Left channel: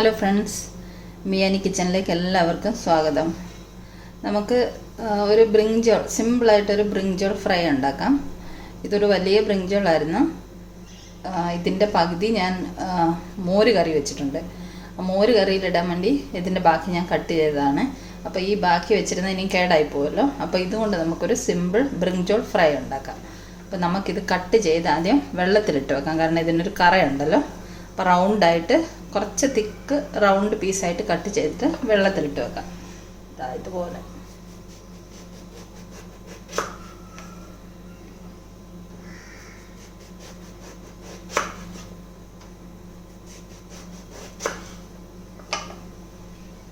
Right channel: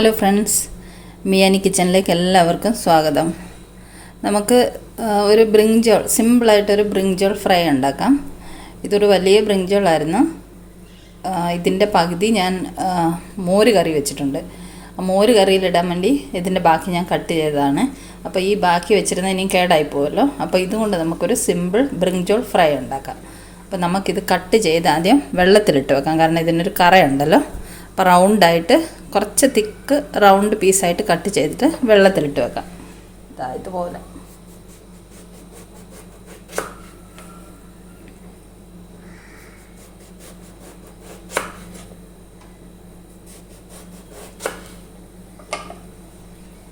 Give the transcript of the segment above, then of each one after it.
Hello friends, മിയാനി കിച്ചണിലേക്ക് എല്ലാവർക്കും സ്വാഗതം. നമുക്ക് ഒരു ബ്രിഞ്ചോൾ, സിമ്പിളായിട്ടൊരു ബ്രിഞ്ചോൾ ഫ്രൈ ഉണ്ടാക്കാം. ഇതൊരു വലിയ ബ്രിഞ്ചോളായിരുന്നു. ഇതിൻ്റെ പകുതി ഞാൻ മോര് കറി വെച്ചിട്ടുണ്ട്. മോര് കറിയിലിടാൻ വേണ്ടി ഇതിൻ്റെ ബാക്കി ഞാൻ കട്ട് ചെയ്തതാണ്. അപ്പോൾ ഈ ബാക്കി വെച്ചിരുന്ന ഇനി കേടായി പോകുമല്ലോ. അപ്പോൾ ഇതുകൊണ്ട് നമുക്കൊരു സിമ്പിൾ ബ്രിഞ്ചോൾ ഫ്രൈ ഉണ്ടാക്കാം. അപ്പോൾ നമുക്കിത് കട്ട് ചെയ്ത് ആദ്യം വെള്ളത്തിലിട്ട് വെക്കാം, കാരണം ഇതിനൊരു കറയുണ്ടല്ലോ. അപ്പോൾ റൗണ്ടായിട്ട് കുറച്ച് തിക്ക് റൗണ്ട് പീസായിട്ട് കട്ട് ചെയ്തിട്ട് വെള്ളത്തിലിട്ട് വെക്കാം. ഇതുപോലെ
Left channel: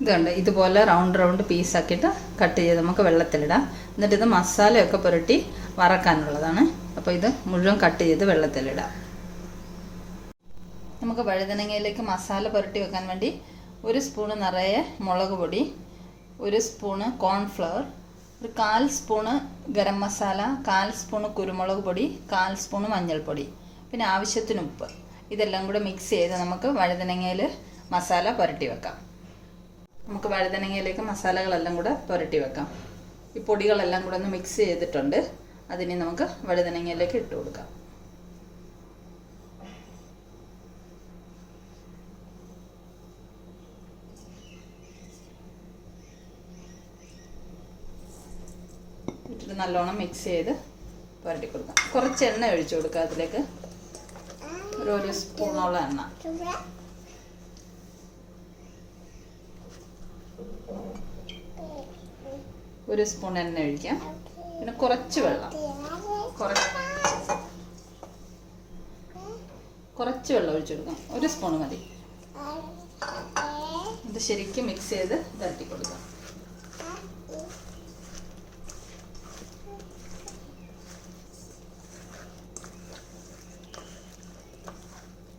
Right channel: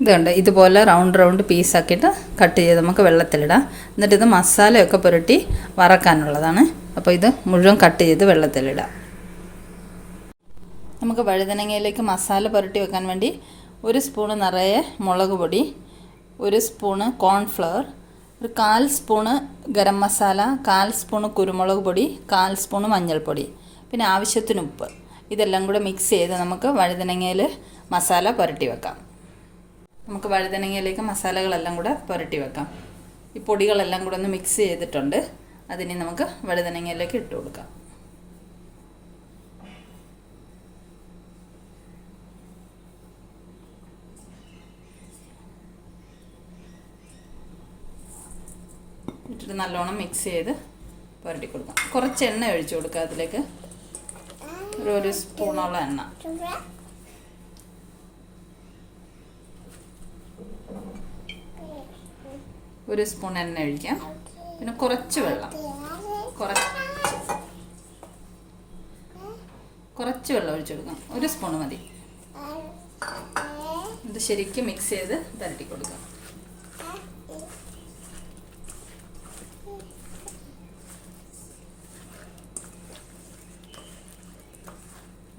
ഇതുണ്ട്. ഇതുപോലെ റൗണ്ട് പീസാക്കിയിട്ട് കട്ട് ചെയ്ത് നമുക്ക് വെള്ളത്തിലിടാം. എന്നിട്ട് ഇത് മസാലയൊക്കെ പുരട്ടി വറക്കാനുള്ളതാണ്. അപ്പോൾ ഇത് മുഴുവൻ കട്ട് ചെയ്ത് വെള്ളത്തിലിടാം. നമുക്ക് വഴുതനങ്ങയിലേക്ക് മസാല പുരട്ടി വെക്കാൻ വേണ്ടി 1 സ്പൂണ് നിറയെ മുളക് പൊടി, 1 സ്പൂണ് കോൺഫ്ലവർ, ഒരു 1/4 സ്പൂണ് ഗരം മസാല, 1/4 സ്പൂണ് കുരുമുളക് പൊടി, 1/4 സ്പൂണ് മഞ്ഞൾപ്പൊടി, പിന്നെ ആവശ്യത്തിന് ഉപ്പ്. ഇതെല്ലാം കൂടെ മിക്സ് ചെയ്ത് നമുക്ക് വഴുതനങ്ങയിൽ മസാല പുരട്ടി വെക്കാം. നമുക്ക് വഴുതനങ്ങയിലേക്ക് മസാലകളെല്ലാം കൂടെ പുരട്ടി വെക്കാം. ഈ പൊടികളെല്ലാം കൂടെ ഒന്ന് മിക്സ് ചെയ്തിട്ടുണ്ട്. അതിനെ നമുക്ക് വഴുതനങ്ങയിലേക്ക് ഇട്ട് കൊടുക്കാം. ഇട്ടിട്ട് നല്ലോണം മിക്സ് ചെയ്ത് പുരട്ടി കൊടുക്കാം. കുറച്ച് എണ്ണ ഒഴിച്ചു കൊടുക്കുക. അതിലേക്ക് ഒരു സ്പൂണോളം എണ്ണ, ഒരു സ്പൂൺ എണ്ണ ഒഴിക്കാം. പിന്നെ കുറച്ച് വെള്ളം, കുറച്ച് വെള്ളം ഒഴിച്ചു കൊടുക്കാം. 1 സ്പൂൺ മതി. ഇത് ശരിക്കും മിക്സ് ചെയ്ത് പുരട്ടി കൊടുക്കാം.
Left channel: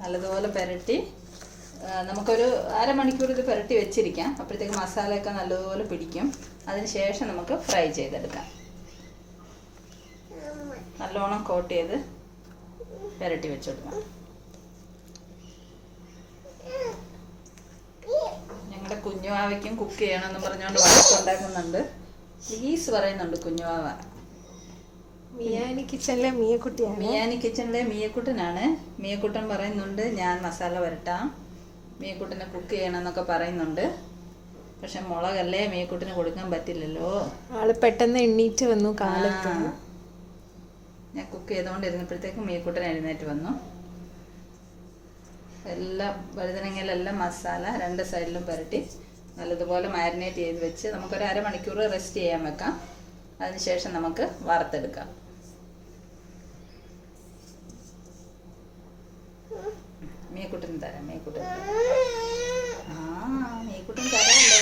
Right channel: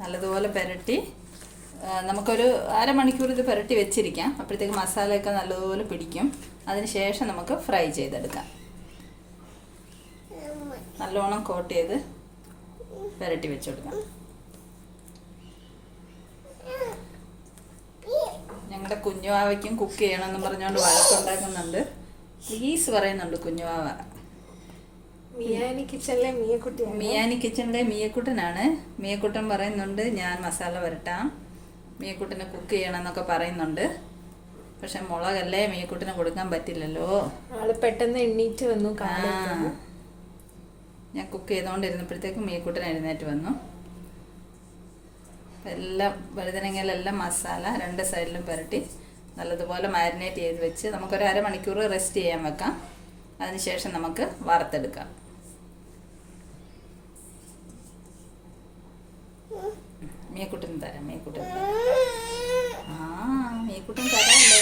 നല്ലതുപോലെ പുരട്ടി നമുക്കൊരു അരമണിക്കൂർ ഇത് പുരട്ടി വെച്ചിരിക്കാം. അപ്പോഴത്തേക്ക് മസാലയൊക്കെ നല്ലതുപോലെ പിടിക്കും. അതിന് ശേഷം നമുക്ക് ഫ്രൈ ചെയ്തെടുക്കാം. നല്ലോണം കോട്ട് ചെയ്ത് പുരട്ടി വെച്ചെടുക്കാം. ഞങ്ങളുടെ കുഞ്ഞുവാവയ്ക്കും കുക്ക് ചെയ്യണമെന്ന് പറഞ്ഞുകൊണ്ട് വഴക്കുണ്ടാക്കുന്നുണ്ട്. പ്ലീസ് പറയുന്നുണ്ട് കുഞ്ഞുവാവ. മിയാനി കിച്ചണിലെ മിയക്കുട്ടനാണ്. മിയക്കുട്ടൻ പറയുന്നുണ്ട് ഞാൻ മസാല വരട്ടാം, മിയക്കുട്ടനെ കുക്ക് ചെയ്യണം എന്നൊക്കെ പറയുന്നുണ്ട്. പക്ഷെ മുളകല്ലേ മിയക്കുട്ടന് കൊടുക്കാൻ പറ്റില്ലല്ലോ. ആള് പെട്ടെന്ന് എണ്ണീറ്റ് വന്നു. ഞാൻ കുക്ക് ചെയ്തുകൊണ്ടിരുന്നപ്പോഴത്തേക്ക് മിയക്കുട്ടൻ എഴുന്നേറ്റ് വന്നു. എല്ലാം വഴുതനങ്ങയിലെല്ലാം മസാല 2 സൈഡിലും പുരട്ടി നല്ലതുപോലെ മാരിനേറ്റ് ചെയ്ത് വെച്ച് നമുക്കൊരു അരമണിക്കൂർ റെസ്റ്റ് ചെയ്യാൻ വെക്കാം. അതിനുശേഷം നമുക്ക് വറുത്തെടുക്കാം. മീക്കുട്ടൻ തരാം. മീക്കുട്ടൻ തരാമല്ലോ.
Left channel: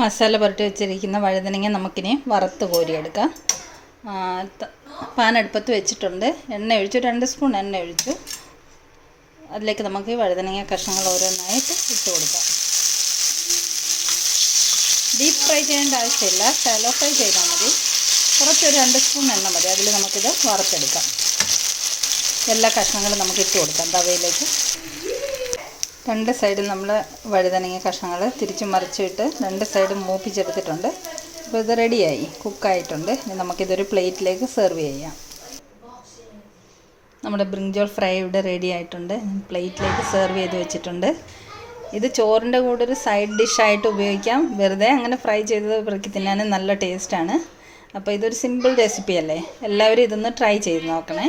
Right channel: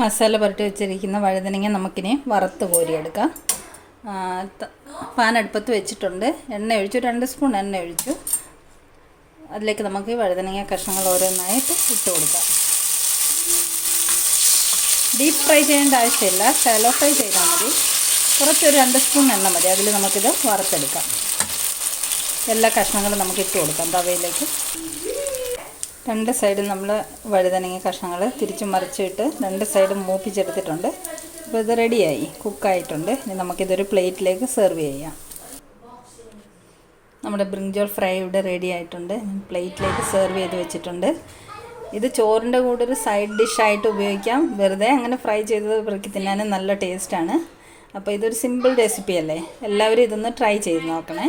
മസാല പുരട്ടി വെച്ചിരിക്കുന്ന വഴുതനങ്ങ നമുക്കിനി വറുത്ത് കോരിയെടുക്കാം. പാൻ അടുപ്പത്ത് വെച്ചിട്ടുണ്ട്. എണ്ണ ഒഴിച്ചു, 2 സ്പൂൺ എണ്ണ ഒഴിച്ചു. അതിലേക്ക് നമുക്ക് വഴുതനങ്ങ കഷ്ണങ്ങൾ ഓരോന്നായിട്ട് ഇട്ട് കൊടുക്കാം. ഡീപ്പ് ഫ്രൈ ചെയ്യേണ്ട ആവശ്യമില്ല, ഷാലോ ഫ്രൈ ചെയ്താൽ മതി. കുറച്ചൊരു 2 സ്പൂൺ എണ്ണ മതി. അതിൽ നമുക്കിത് വറുത്തെടുക്കാം. എല്ലാ കഷ്ണങ്ങളും നമുക്ക് ഇട്ട് കൊടുക്കാം തവയിലേക്ക്. 2 സൈഡിൽ നമ്മൾ വഴുതനങ്ങ കഷ്ണങ്ങൾ തിരിച്ച് മറിച്ചിട്ട് 2 സൈഡും മൂപ്പിച്ചെടുത്തിട്ടുണ്ട്. അപ്പോൾ ഇത് റെഡിയായി, കുക്കായിട്ടുണ്ട്. ഇനി നമുക്കിതൊരു പ്ലേറ്റിലേക്ക് സെർവ് ചെയ്യാം. നമ്മുടെ ബ്രിഞ്ചോൾ ഫ്രൈ ഇവിടെ റെഡി ആയിട്ടുണ്ട്. പ്ലേറ്റിലേക്ക് സെർവ് ചെയ്ത് വെച്ചിട്ടുണ്ട്. ഇത് ചോറിൻ്റെ കൂടെ ഒരു സൈഡ് ഡിഷായിട്ട് ഉപയോഗിക്കാം. വെറുതെ അങ്ങനെ ഫ്രൈ ചെയ്തത് ഇവർക്ക് തിന്നാനും നല്ല ടേസ്റ്റാണ്. അപ്പോൾ ഇതൊരു സിമ്പിൾ റെസിപ്പി അല്ലേ. എല്ലാവരും ഇതൊന്ന് ട്രൈ ചെയ്ത് നോക്കണേ.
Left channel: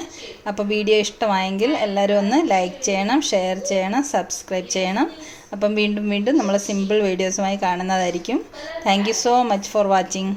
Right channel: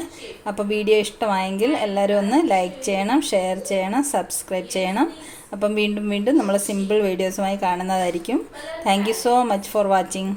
അപ്പോൾ വീഡിയോ ഇഷ്ടമായെങ്കിൽ എല്ലാവരും ഒന്ന് ലൈക്ക് ചെയ്യണം, ഷെയർ ചെയ്യണം, സബ്സ്ക്രൈബ് ചെയ്യണം. അപ്പം വീണ്ടും നമ്മൾ സിമ്പിൾ വീഡിയോസുമായി കാണുന്നതായിരിക്കും. Thank you so much for watching.